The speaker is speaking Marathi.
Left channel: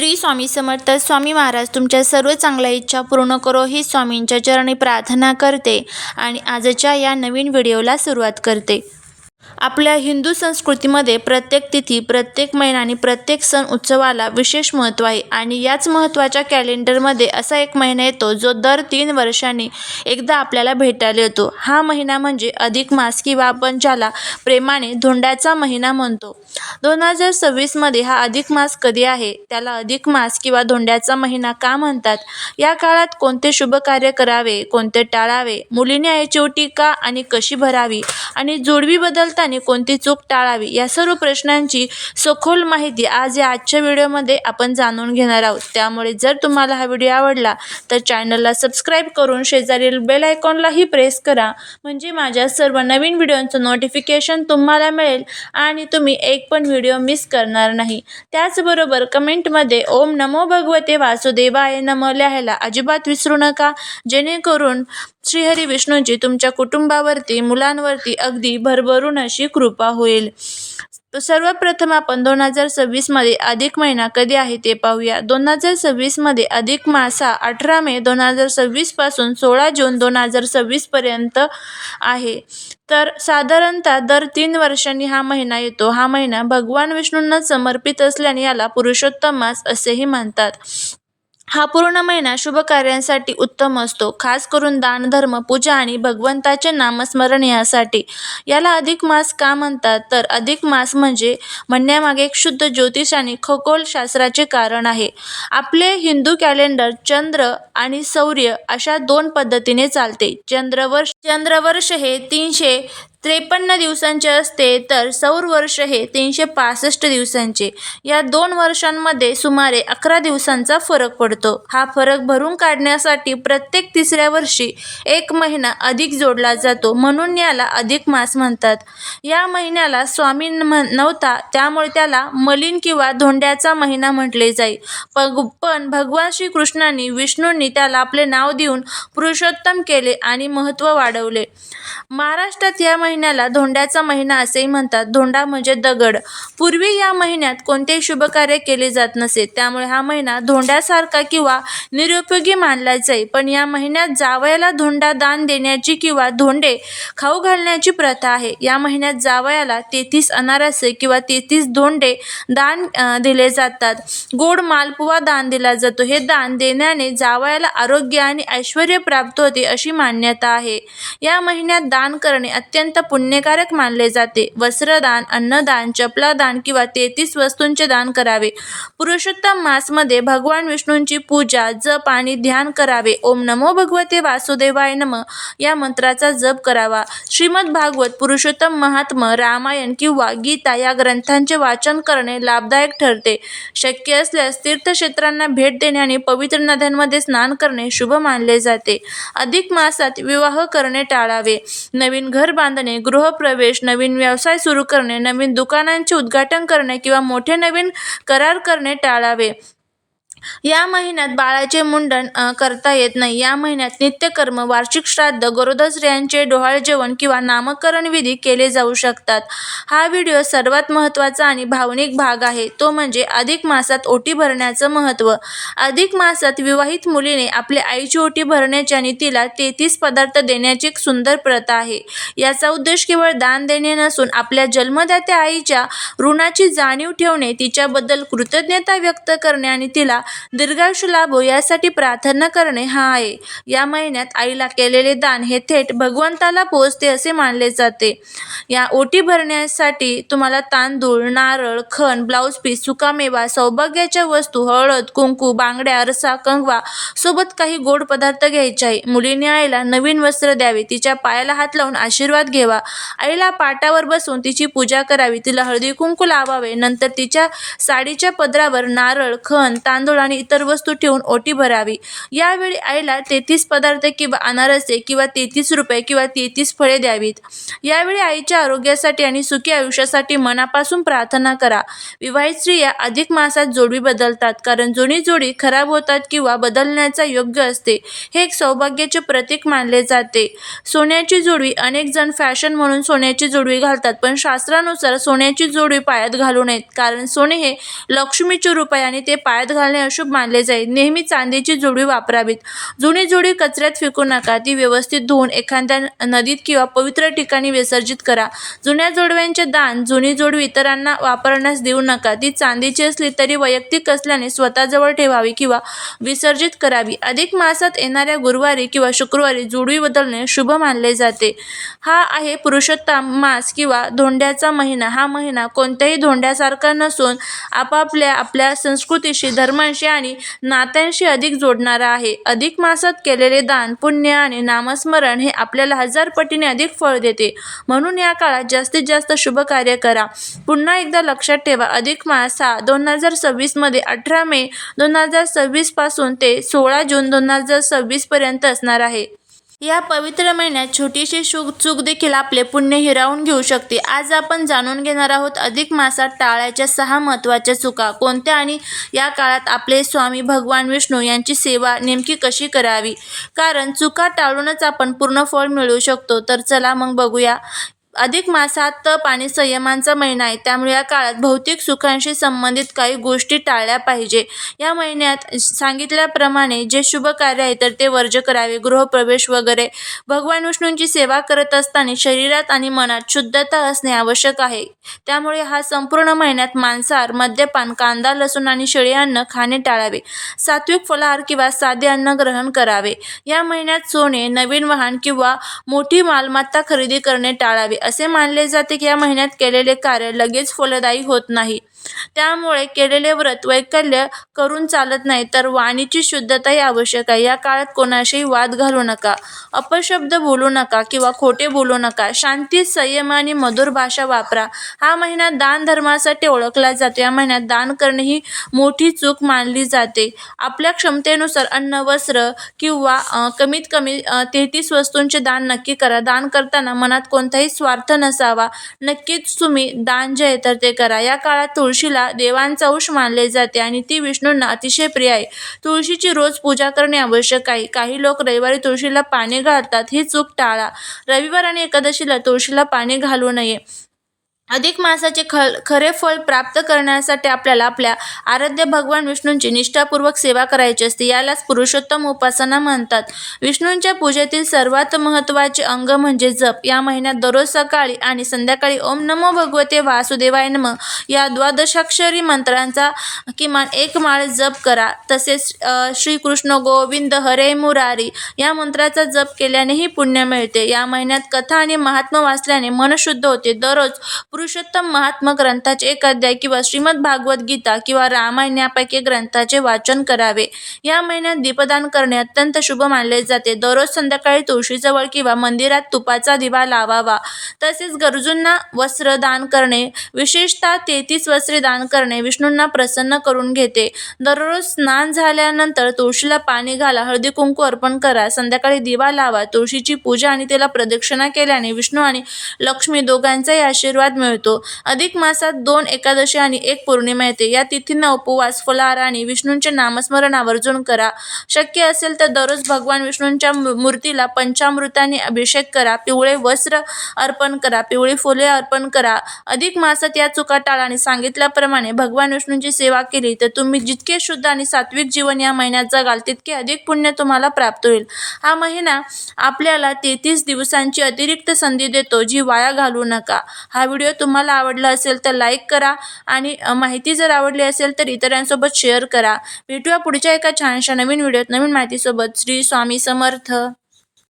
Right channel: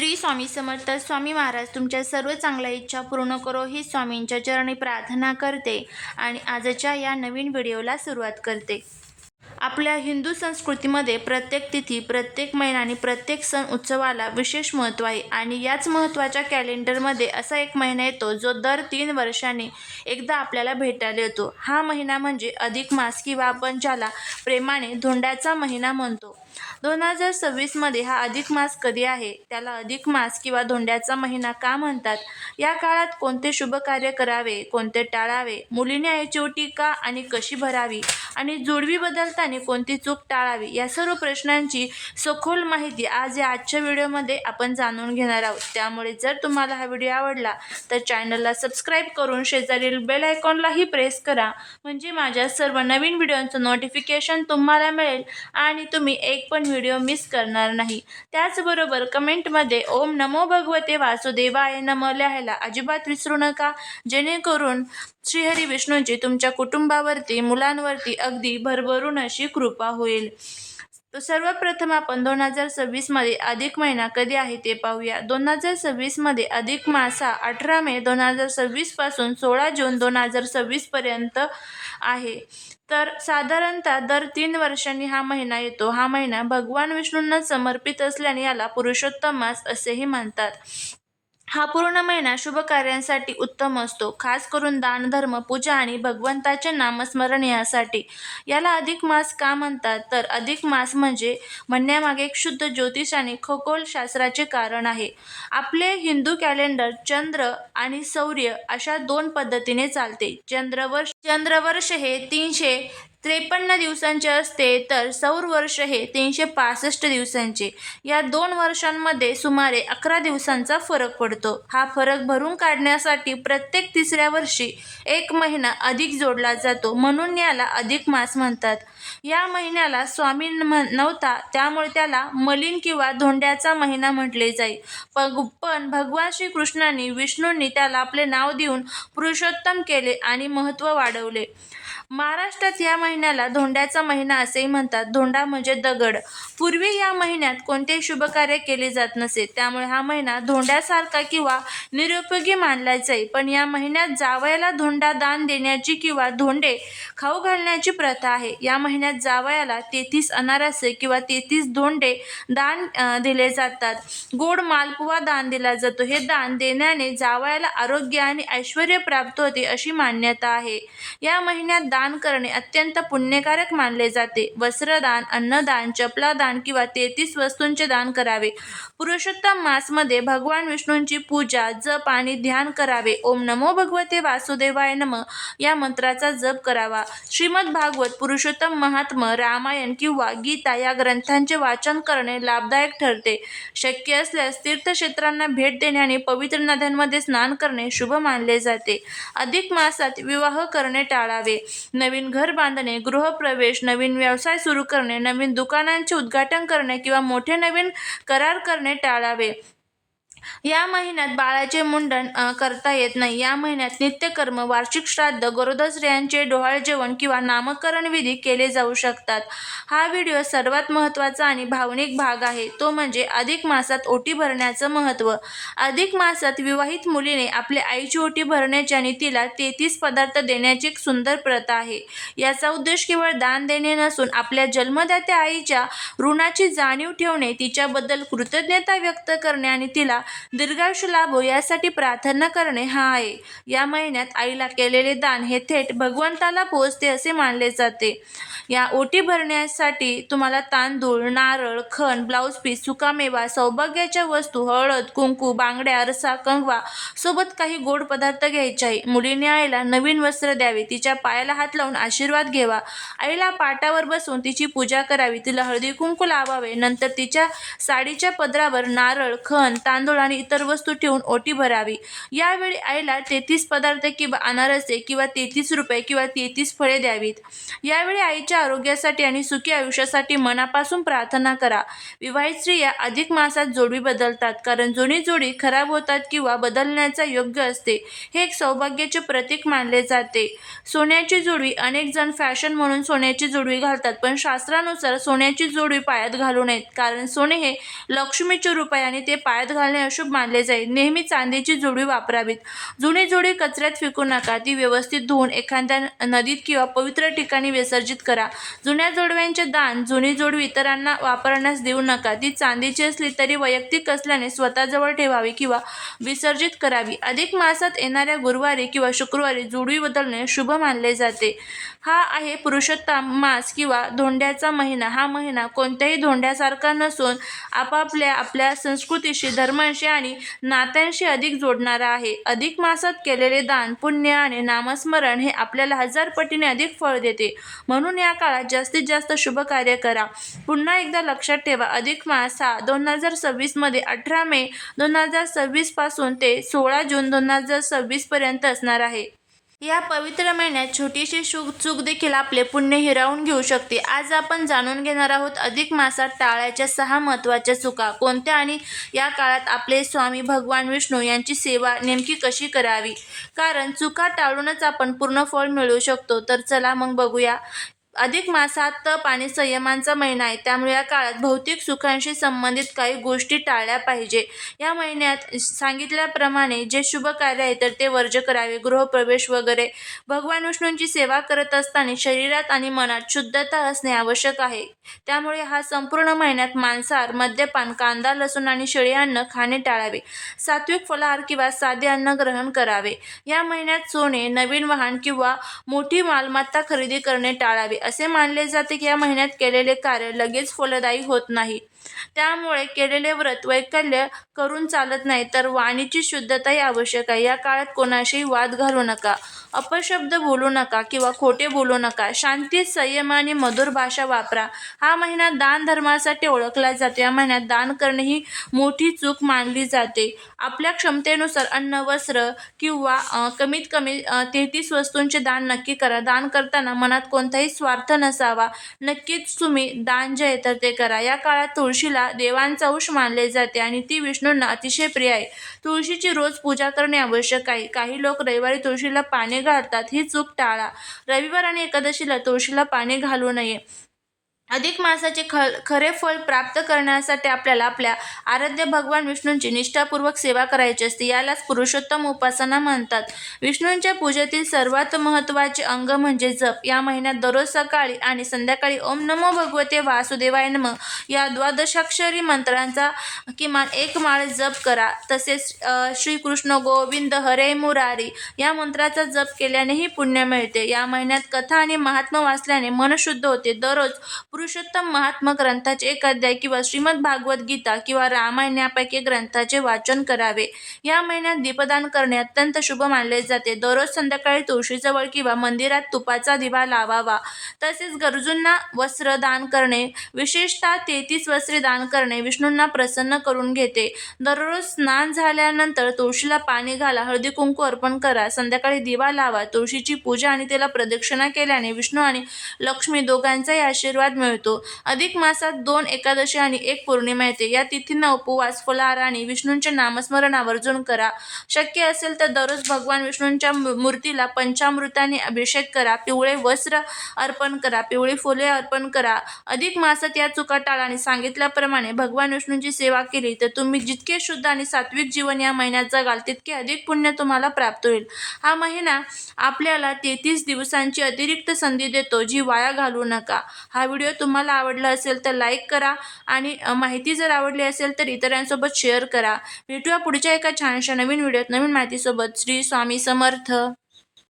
श्री स्वामी समर्थ. स्वामी महाराज तुमच्या सर्व चांगल्या इच्छा पूर्ण करो ही स्वामींच्या चरणी प्रार्थना करते आणि आजच्या या नवीन व्हिडिओला सुरुवात करते. आपल्या हिंदू संस्कृतीमध्ये प्रत्येक तिथी, प्रत्येक महिना आणि प्रत्येक सण उत्सवाला विशेष महत्त्व आहे आणि याच महत्त्वाच्या कॅलेंडरमध्ये असा एक महिना येतो जो दर 3 वर्षांनी एकदा आपल्याला भेटायला येतो. हा महिना म्हणजे अधिक मास किंवा आपण ज्याला प्रेमाने धोंड्याचा महिना म्हणतो. 2026 मध्ये हा अधिक मास कधी आहे? त्याला अधिक मास किंवा धोंड्याचा महिना का म्हणतात? या काळात कोणते शुभ कार्य करावे, कोणते टाळावे, मुलीने आईची ओटी का आणि कशी भरावी आणि जोडवी बदलताना कोणती चूक टाळावी, या सर्व प्रश्नांची सखोल माहिती आज या आजच्या व्हिडिओमध्ये आपण जाणून घेणार आहोत. त्यामुळे जर तुम्हाला हा व्हिडिओ आवडला तर चॅनलला सबस्क्राईब करून शेजारील बेल आयकॉनलाही प्रेस करा, म्हणजे माझ्या सर्व नवीन व्हिडिओचं नोटिफिकेशन तुम्हाला मिळेल आणि तुम्ही एक पण व्हिडिओ मिस करणार नाही. त्याचबरोबर कमेंटमध्ये ओम नमो भगवते वासुदेवाय नमः लिहायला अजिबात विसरू नका, जेणेकरून श्रीहरी विष्णूंची तुमच्या कुटुंबावरती, मुलांवरती अगदी भरभरून अशी कृपा होईल. सर्वप्रथम आपण 2026 मध्ये अधिक महिना कधी आहे ते पाहूया. 2026 मध्ये अधिक मास हा 18 मे 2026 पासून 16 जून 2026 पर्यंत आहे. तर साधारणतः दर 3 वर्षांनी हा महिना येतो. हा महिना भगवान विष्णूंना समर्पित असल्याने याला पुरुषोत्तम मास असेही म्हणतात. हा पूर्ण महिना शुभ कार्यांसाठी उत्तम असतो, खास करून दान, धर्म, पूजा आणि भगवंताचे नामस्मरण यासाठी. याला अधिक मास का म्हणतात? तर अधिक मास म्हणण्यामागे एक शुद्ध ज्योतिष आणि खगोलशास्त्राचे कारण आहे. आपले हिंदू कॅलेंडर चंद्र आणि सूर्य अशा 2 पद्धतीने चालते. चंद्रवर्ष हे 353 दिवसांचे असते, तर सौर वर्ष हे 365 दिवसांचे. या 2 वर्षांमध्ये सुमारे 11 दिवसांचा फरक पडतो. हा फरक भरून काढण्यासाठी प्रत्येक 3ऱ्या वर्षी एक महिना अधिक जोडला जातो, म्हणून याला अधिक मास म्हणतात. या महिन्याला स्वामी नव्हता, त्यामुळे त्याला मलिन किंवा धोंड्याचा महिना म्हटले जाई. पण भगवान श्रीकृष्णांनी, विष्णूंनी त्याला आपले नाव देऊन पुरुषोत्तम केले आणि महत्त्व वाढवले. महाराष्ट्रात या महिन्याला धोंड्याचा महिना असेही म्हणतात. धोंडा म्हणजे दगड. पूर्वी या महिन्यात कोणतेही शुभ कार्य केले जात नसे, त्यामुळे हा महिना धोंड्यासारखा किंवा निरुपयोगी मानला जाई. पण या महिन्यात जावयाला धोंडा दान देण्याची किंवा धोंडे खाऊ घालण्याची प्रथा आहे. या महिन्यात जावयाला 33 अनारसे किंवा 33 धोंडे दान दिले जातात. गोड मालपुवा दान दिला जातो. हे दान देण्याने जावयाला आरोग्य आणि ऐश्वर्य प्राप्त होते अशी मान्यता आहे. या महिन्यात दान करणे अत्यंत पुण्यकारक मानले जाते. वस्त्रदान, अन्नदान, चपलादान किंवा 33 वस्तूंचे दान करावे. पुरुषोत्तम मास मध्ये भगवान विष्णूंची पूजा, जप आणि ध्यान करावे. ओम नमो भगवते वासुदेवाय नमः या मंत्राचा जप करावा. श्रीमद भागवत, पुरुषोत्तम महात्म्य, रामायण किंवा गीता या ग्रंथांचे वाचन करणे लाभदायक ठरते. शक्य असल्यास तीर्थक्षेत्रांना भेट देणे आणि पवित्र नद्यांमध्ये स्नान करणे शुभ मानले जाते. अधिक मासात विवाह करणे टाळावे. नवीन घर बांधणे, गृहप्रवेश, नवीन व्यवसाय सुरू करणे, नवीन दुकानांचे उद्घाटन करणे किंवा मोठे नवीन करार करणे टाळावे. या महिन्यात बाळाचे मुंडन करता येत नाही. या महिन्यात नित्यकर्म, वार्षिक श्राद्ध, गरोदर स्त्रियांचे डोहाळे जेवण किंवा नामकरण विधी केले जाऊ शकतात. हा व्हिडिओ सर्वात महत्त्वाचा आणि भावनिक भाग आहे, तो म्हणजे अधिक मासात ओटी भरण्याचं महत्त्व. अधिक मासात विवाहित मुलीने आपल्या आईची ओटी भरण्याची आणि तिला 33 पदार्थ देण्याची एक सुंदर प्रथा आहे. याचा उद्देश केवळ दान देणे नसून आपल्या जन्मदात्या आईच्या ऋणाची जाणीव ठेवणे, तिच्याबद्दल कृतज्ञता व्यक्त करणे आणि तिला दीर्घायुष्य लाभो यासाठी प्रार्थना करणे हा आहे. या महिन्यात आईला केलेले दान हे थेट भगवंताला पोहोचते असे मानले जाते. या ओटी भरण्यासाठी तुम्हाला तांदूळ, नारळ, खण, ब्लाऊज पीस, सुकामेवा, सौभाग्याच्या वस्तू, हळद, कुंकू, बांगड्या, आरसा, कंगवा सोबत काही गोड पदार्थ घ्यायचे आहे. मुलीने आईला नवीन वस्त्र द्यावे, तिच्या पायाला हात लावून आशीर्वाद घ्यावा, आईला पाटावर बसवून तिची पूजा करावी, तिला हळदी कुंकू लावावे, नंतर तिच्या साडीच्या पदरावर नारळ, खण, तांदूळ आणि इतर वस्तू ठेवून ओटी भरावी. यावेळी आईला 33 पदार्थ किंवा अनारसे किंवा 33 रुपये किंवा 33 फळे द्यावीत. यावेळी आईच्या आरोग्यासाठी आणि सुखी आयुष्यासाठी मनापासून प्रार्थना करा. विवाहित स्त्रिया अधिक मासात जोडवी बदलतात, कारण जुनी जोडी खराब होतात किंवा बदलण्याचा योग्य असते. हे एक सौभाग्याचे प्रतीक मानले जाते. सोन्याची जोडवी. अनेक जण फॅशन म्हणून सोन्याची जोडवी घालतात, पण शास्त्रानुसार सोन्याची जोडवी पायात घालू नयेत, कारण सोने हे लक्ष्मीचे रूप आहे आणि ते पायात घालणे अशुभ मानले जाईल. नेहमी चांदीची जोडवी वापरावीत. जुनी जोडवी कचऱ्यात फेकू नका. ती व्यवस्थित धुवून एखाद्या नदीत किंवा पवित्र ठिकाणी विसर्जित करा. जुन्या जोडव्यांचे दान. जुनी जोडवी इतरांना वापरण्यास देऊ नका. ती चांदीची असली तरी वैयक्तिक असल्याने स्वतःजवळ ठेवावी किंवा विसर्जित करावी. अधिक मासात येणाऱ्या गुरुवारी किंवा शुक्रवारी जोडवी बदलणे शुभ मानले जाते. हा आहे पुरुषोत्तम मास किंवा धोंड्याचा महिना. हा महिना कोणत्याही धोंड्यासारखा नसून आपल्या संस्कृतीशी, धर्माशी आणि नात्यांशी अधिक जोडणारा आहे. अधिक मासात केलेले दान, पुण्य आणि नामस्मरण हे आपल्याला 1000 पटीने अधिक फळ देते. म्हणून या काळात जास्तीत जास्त शुभ कार्य करा. पुन्हा एकदा लक्षात ठेवा, अधिक मास हा 2026 मध्ये 18 मे 2026 पासून ते 16 जून 2026 पर्यंत असणार आहे. या पवित्र महिन्यात छोटीशी चूक देखील आपले पुण्य हिरावून घेऊ शकते. आज आपण जाणून घेणार आहोत अधिक मासात टाळायच्या 6 महत्त्वाच्या चुका कोणत्या आणि या काळात आपले स्वामी भगवान विष्णू यांची सेवा नेमकी कशी करावी, कारण चुका टाळूनच आपण पूर्ण फळ मिळवू शकतो. तर चला मग बघूया. अधिक मास हा तप आणि संयमांचा महिना आहे, त्यामुळे या काळात भौतिक सुखांशी संबंधित काही गोष्टी टाळल्या पाहिजे. या महिन्यात सांगितल्याप्रमाणे जे शुभ कार्य आहे तर ते वर्ज्य करावे. गृहप्रवेश वगैरे. भगवान विष्णूंची सेवा करत असताना शरीरात आणि मनात शुद्धता असणे आवश्यक आहे. त्यामुळे हा संपूर्ण महिन्यात मांसाहार, मद्यपान, कांदा, लसूण आणि शेळी अन्न खाणे टाळावे. सात्विक फलाहार किंवा साधे अन्न ग्रहण करावे. या महिन्यात सोने, नवीन वाहन किंवा मोठी मालमत्ता खरेदी करणे टाळावे. असे मानले जाते की या महिन्यात केलेले कार्य लगेच फलदायी होत नाही. त्यामुळे केलेले व्रत वैकल्य करून चालत नाही, तर वाणीची शुद्धताही आवश्यक आहे. या काळात कोणाशीही वाद घालू नका, अपशब्द बोलू नका किंवा खोटे बोलू नका. शांती, संयम आणि मधुर भाषा वापरा. हा महिना दान धर्मासाठी ओळखला जातो. या महिन्यात दान करणे ही मोठी चूक मानली जाते. आपल्या क्षमतेनुसार अन्न, वस्त्र किंवा कमीत कमी 33 वस्तूंचे दान नक्की करा. दान करताना मनात कोणताही स्वार्थ नसावा. नक्कीच तुम्ही दान जे आहे तर ते करा. या काळात तुळशीला देवांचा अंश मानले जाते आणि ती विष्णूंना अतिशय प्रिय आहे. तुळशीची रोज पूजा करणे आवश्यक आहे. काही लोक रविवारी तुळशीला पाणी घालतात, ही चूक टाळा. रविवार आणि एकादशीला तुळशीला पाणी घालू नये. अधिक मासाचे खरे फळ प्राप्त करण्यासाठी आपल्याला आपल्या आराध्य भगवान विष्णूंची निष्ठापूर्वक सेवा करायची असते. यालाच पुरुषोत्तम उपासना म्हणतात. विष्णूंच्या पूजेतील सर्वात महत्त्वाचे अंग म्हणजे जप. या महिन्यात दररोज सकाळी आणि संध्याकाळी ओम नमो भगवते वासुदेवाय नमः या द्वादशाक्षरी मंत्रांचा किमान 1 माळ जप करा. तसेच श्रीकृष्ण गोविंद हरे मुरारी या मंत्राचा जप केल्यानेही पुण्य मिळते. या महिन्यात कथा आणि महात्म्य वाचल्याने मन शुद्ध होते. दररोज पुरुषोत्तम महात्मा ग्रंथाचे 1 अध्याय किंवा श्रीमद भागवत गीता किंवा रामायण यापैकी ग्रंथाचे वाचन करावे. या महिन्यात दीपदान करणे अत्यंत शुभ मानले जाते. दररोज संध्याकाळी तुळशीजवळ किंवा मंदिरात तुपाचा दिवा लावावा. तसेच गरजूंना वस्त्र दान करणे, विशेषतः 33 वस्त्रे दान करणे विष्णूंना प्रसन्न करून घेते. दररोज स्नान झाल्यानंतर तुळशीला पाणी घाला, हळदी कुंकू अर्पण करा, संध्याकाळी दिवा लावा. तुळशीची पूजा आणि तिला प्रदक्षिणा केल्याने विष्णू आणि लक्ष्मी दोघांचाही आशीर्वाद मिळतो. अधिक मासात 2 एकादशी आणि 1 पौर्णिमा येते. या तिथींना उपवास, फलाहार आणि विष्णूंचे नामस्मरण आवर्जून करा. शक्य असेल तर दररोज भगवान विष्णूंच्या मूर्तीला पंचामृताने अभिषेक करा. पिवळे वस्त्र अर्पण करा, पिवळी फुले अर्पण करा. अधिक मासात या चुका टाळा आणि सांगितल्याप्रमाणे भगवान विष्णूंची सेवा केली तर तुम्ही जितके शुद्ध आणि सात्विक जीवन या महिन्यात जगाल तितके अधिक पुण्य तुम्हाला प्राप्त होईल. हा महिना आपल्याला 33 दिवसांची अतिरिक्त संधी देतो, जी वाया घालवू नका. हा व्हिडिओ तुम्हाला आवडला असेल तर लाईक करा आणि माहिती जर आवडली असेल तर इतरांसोबत शेअर करा. भेटूया पुढच्या एका छानशा नवीन व्हिडिओत नवीन माहितीसोबत. श्री स्वामी समर्थ.